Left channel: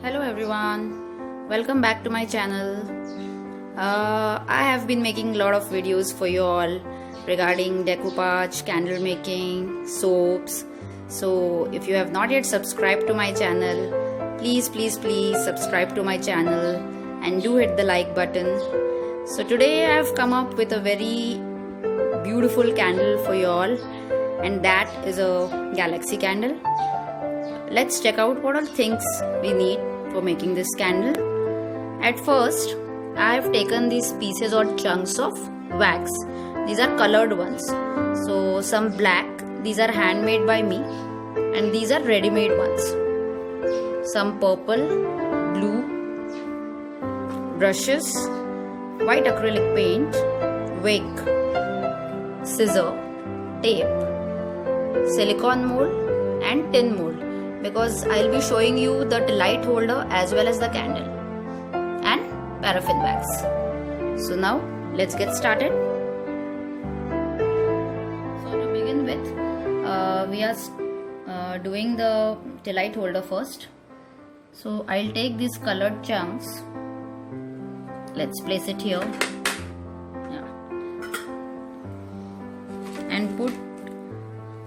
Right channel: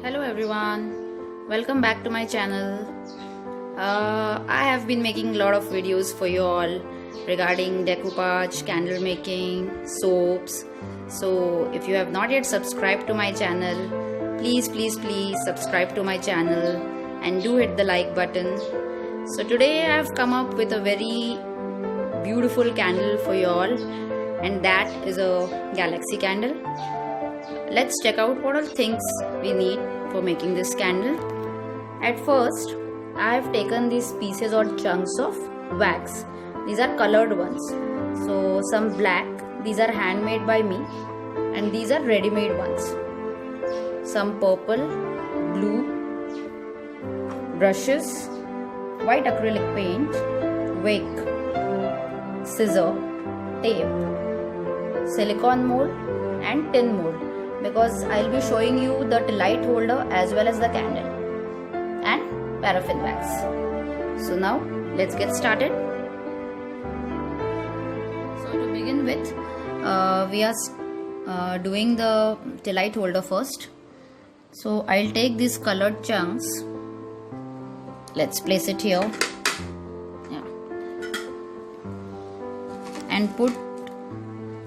Hello everyone, welcome back to my channel. I have been making a lot of videos for you all regarding decoupage, candle making, soaps. So if you have not yet subscribed to my channel, please subscribe to my channel and do hit the like button. So today I have come up with a very beautiful candle for you all, and that is a galaxy candle. Let's check out what all things we need for making this candle. At first, I have taken these pieces or chunks of wax. These are colored ones. So some black, these are handmade by me, and these are ready-made ones. Some purple, blue, brushes, white acrylic paint, wick, scissor, tape, silicone mold and tin mold, because I'll be showing you the light holder as well as the candle, and paraffin wax. So now let's get started. So to begin with, we are doing the light holder first. So I'll take these colored chunks. Let's place it here. Yeah. And put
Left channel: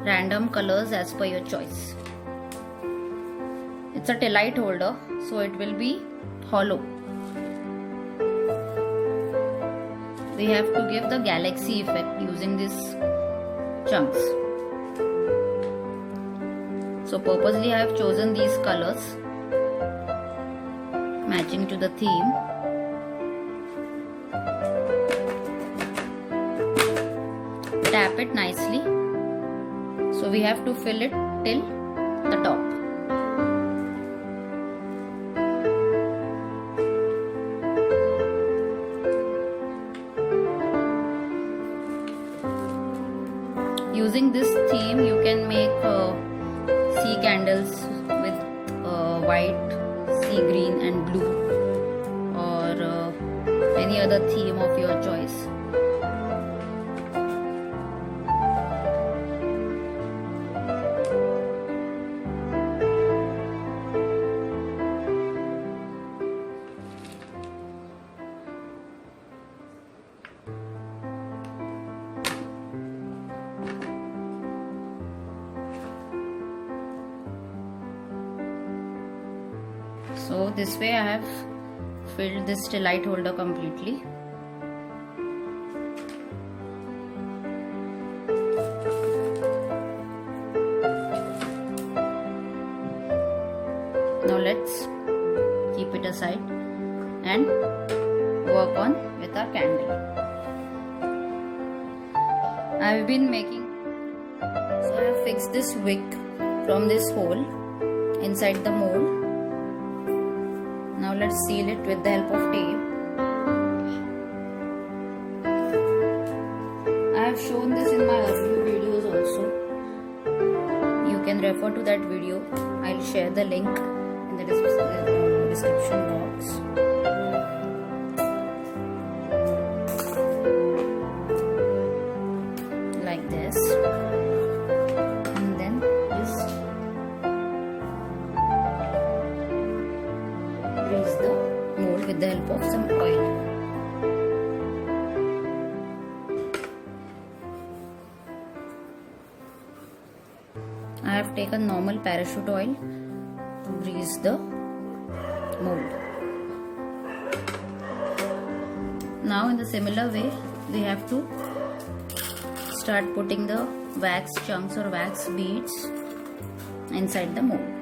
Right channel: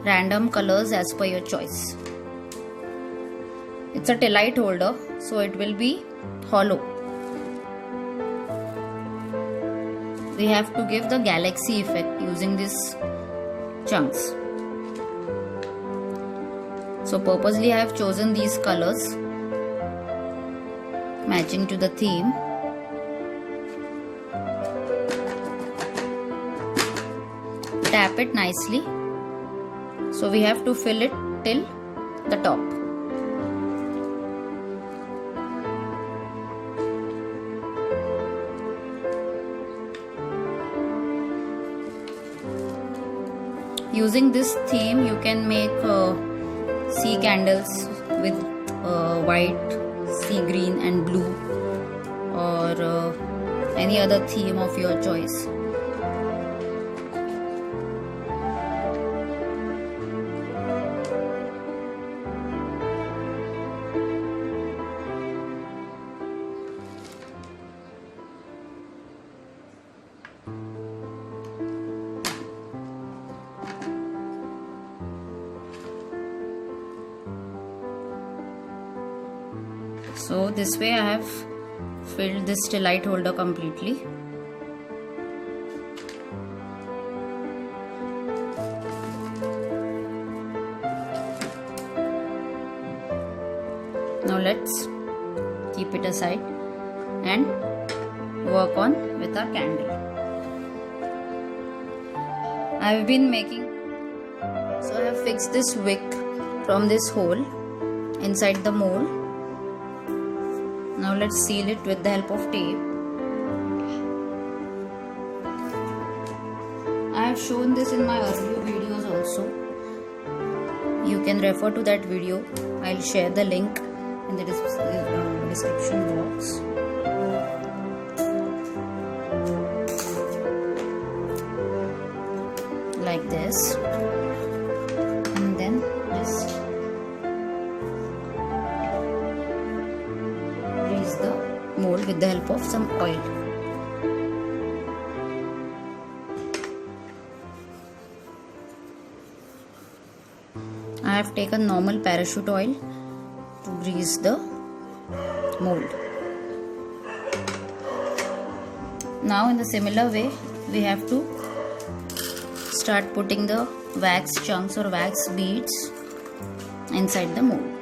random colors as per your choice. It's a light holder, so it will be hollow. We have to give the galaxy effect using these chunks. So purposely I have chosen these colors matching to the theme. Tap it nicely. So we have to fill it till the top. Using this theme, you can make sea candles with white, sea green and blue, or any other theme of your choice. So this way I have filled this light holder completely. Now let's keep it aside and work on with our candle. I have been making, so I have fixed this wick from this hole inside the mold. Now let's seal it with the help of tape. I have shown this in my earlier videos also. You can refer to that video. I'll share the link in the description box. Like this. And then just grease the mold with the help of some oil. I have taken normal parachute oil to grease the mold. Now in the similar way, we have to start putting the wax chunks or wax beads inside the mold.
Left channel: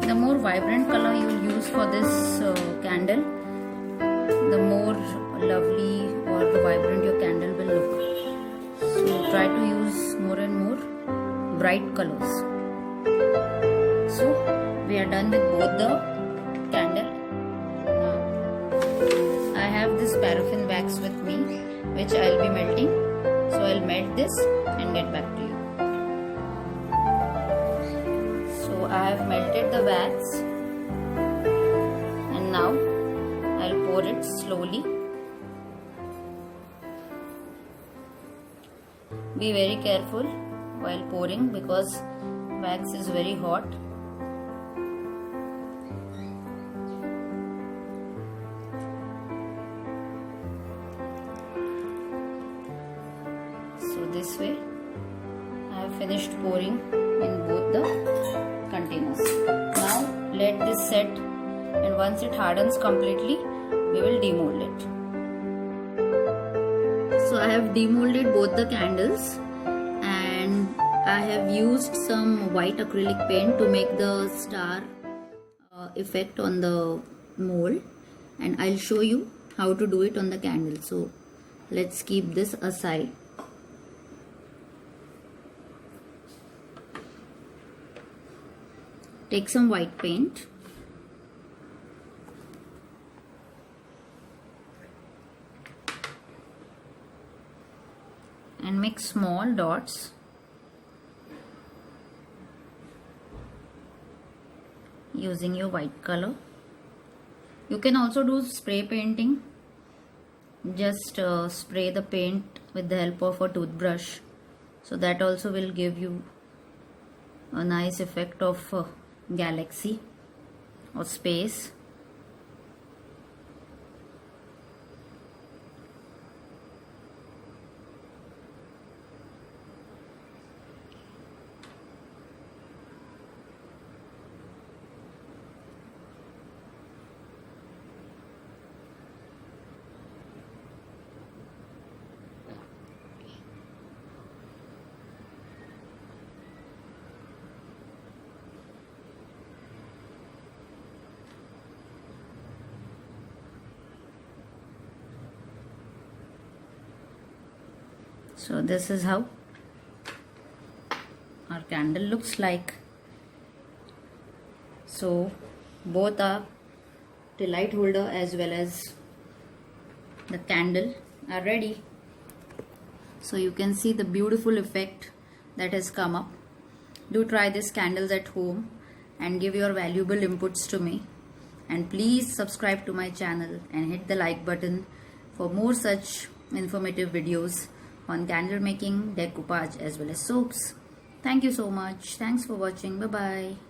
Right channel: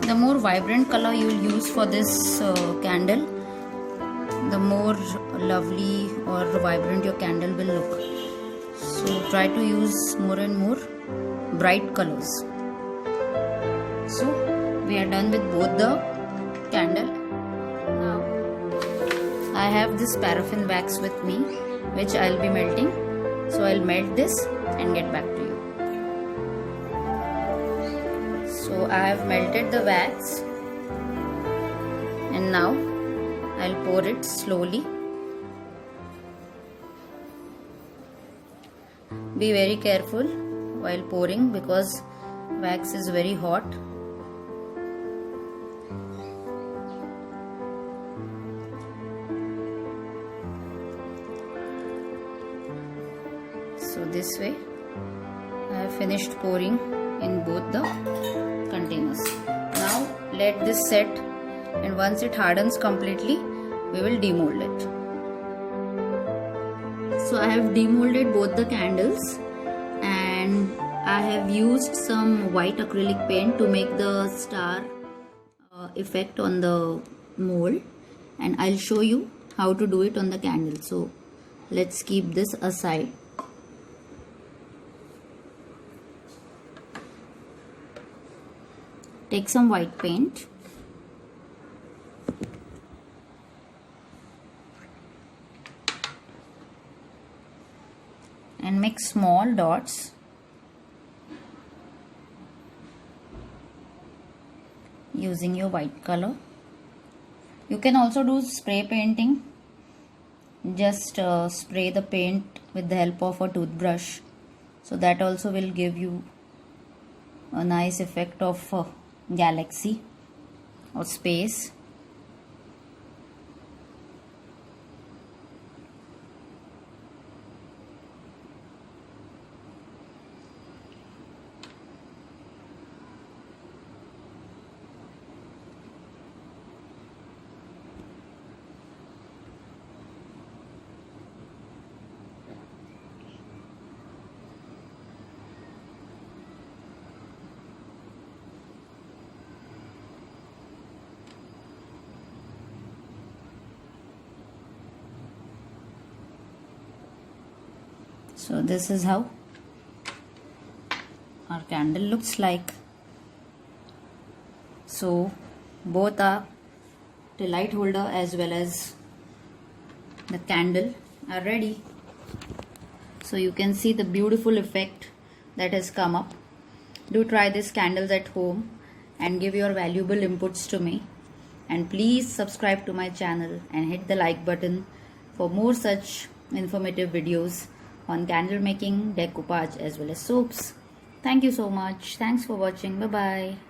The more vibrant color you will use for this candle, the more lovely or vibrant your candle will look. So try to use more and more bright colors. So we are done with both the candle. Now I have this paraffin wax with me, which I will be melting So I'll melt this and get back to you. So I have melted the wax and now I'll pour it slowly. Be very careful while pouring because wax is very hot. So this way I have finished pouring in both the containers. Now let this set, and once it hardens completely we will demold it. So I have demolded both the candles and I have used some white acrylic paint to make the star effect on the mold, and I'll show you how to do it on the candle. So let's keep this aside. Take some white paint and make small dots using your white color. You can also do spray painting. Just spray the paint with the help of a toothbrush, so that also will give you a nice effect of galaxy or space. So this is how our candle looks like. So both are the light holder as well as the candle are ready. So you can see the beautiful effect that has come up. Do try these candles at home and give your valuable inputs to me. And please subscribe to my channel and hit the like button for more such informative videos on candle making, decoupage as well as soaps. Thank you so much. Thanks for watching. Bye bye.